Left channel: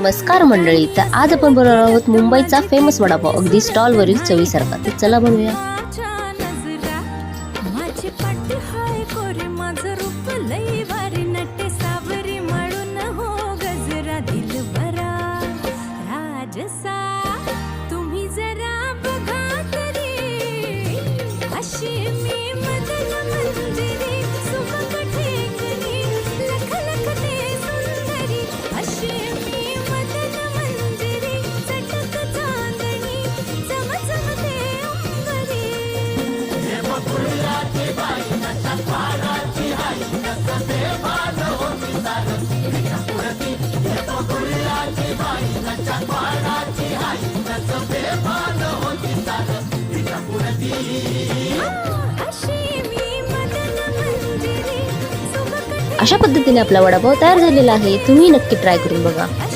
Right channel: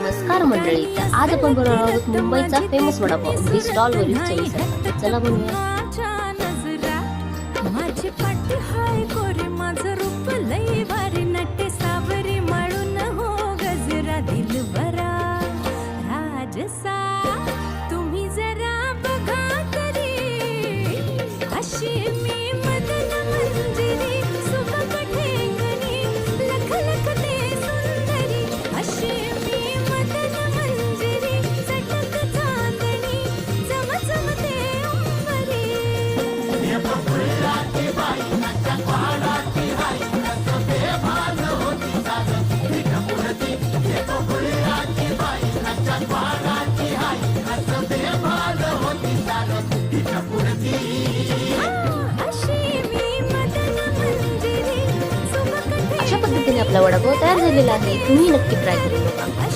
नमस्कार मंडळी, तर आज आपण बनवणार आहोत मुंबईचा फेमस वडापाव, अगदी स्टॉलवरील चवीसारखा. तर चला बनवूया. माझी पाटी हाय कोरी माझं रूप लई भारी नटे सावरी माळून हो गजरा दिलबरा राजसा तुम्ही जरा बघा तरी अशी मी मदन मंजिरी सुबक ठेंगणी लख लखते सुंदरी अशी मी मदन मंजिरी चटक चांदणी चमचमते अंबरी. अशा पद्धतीने आपला वडापाव तयार झालेला आहे. तुम्ही नक्की ट्राय करून बघा.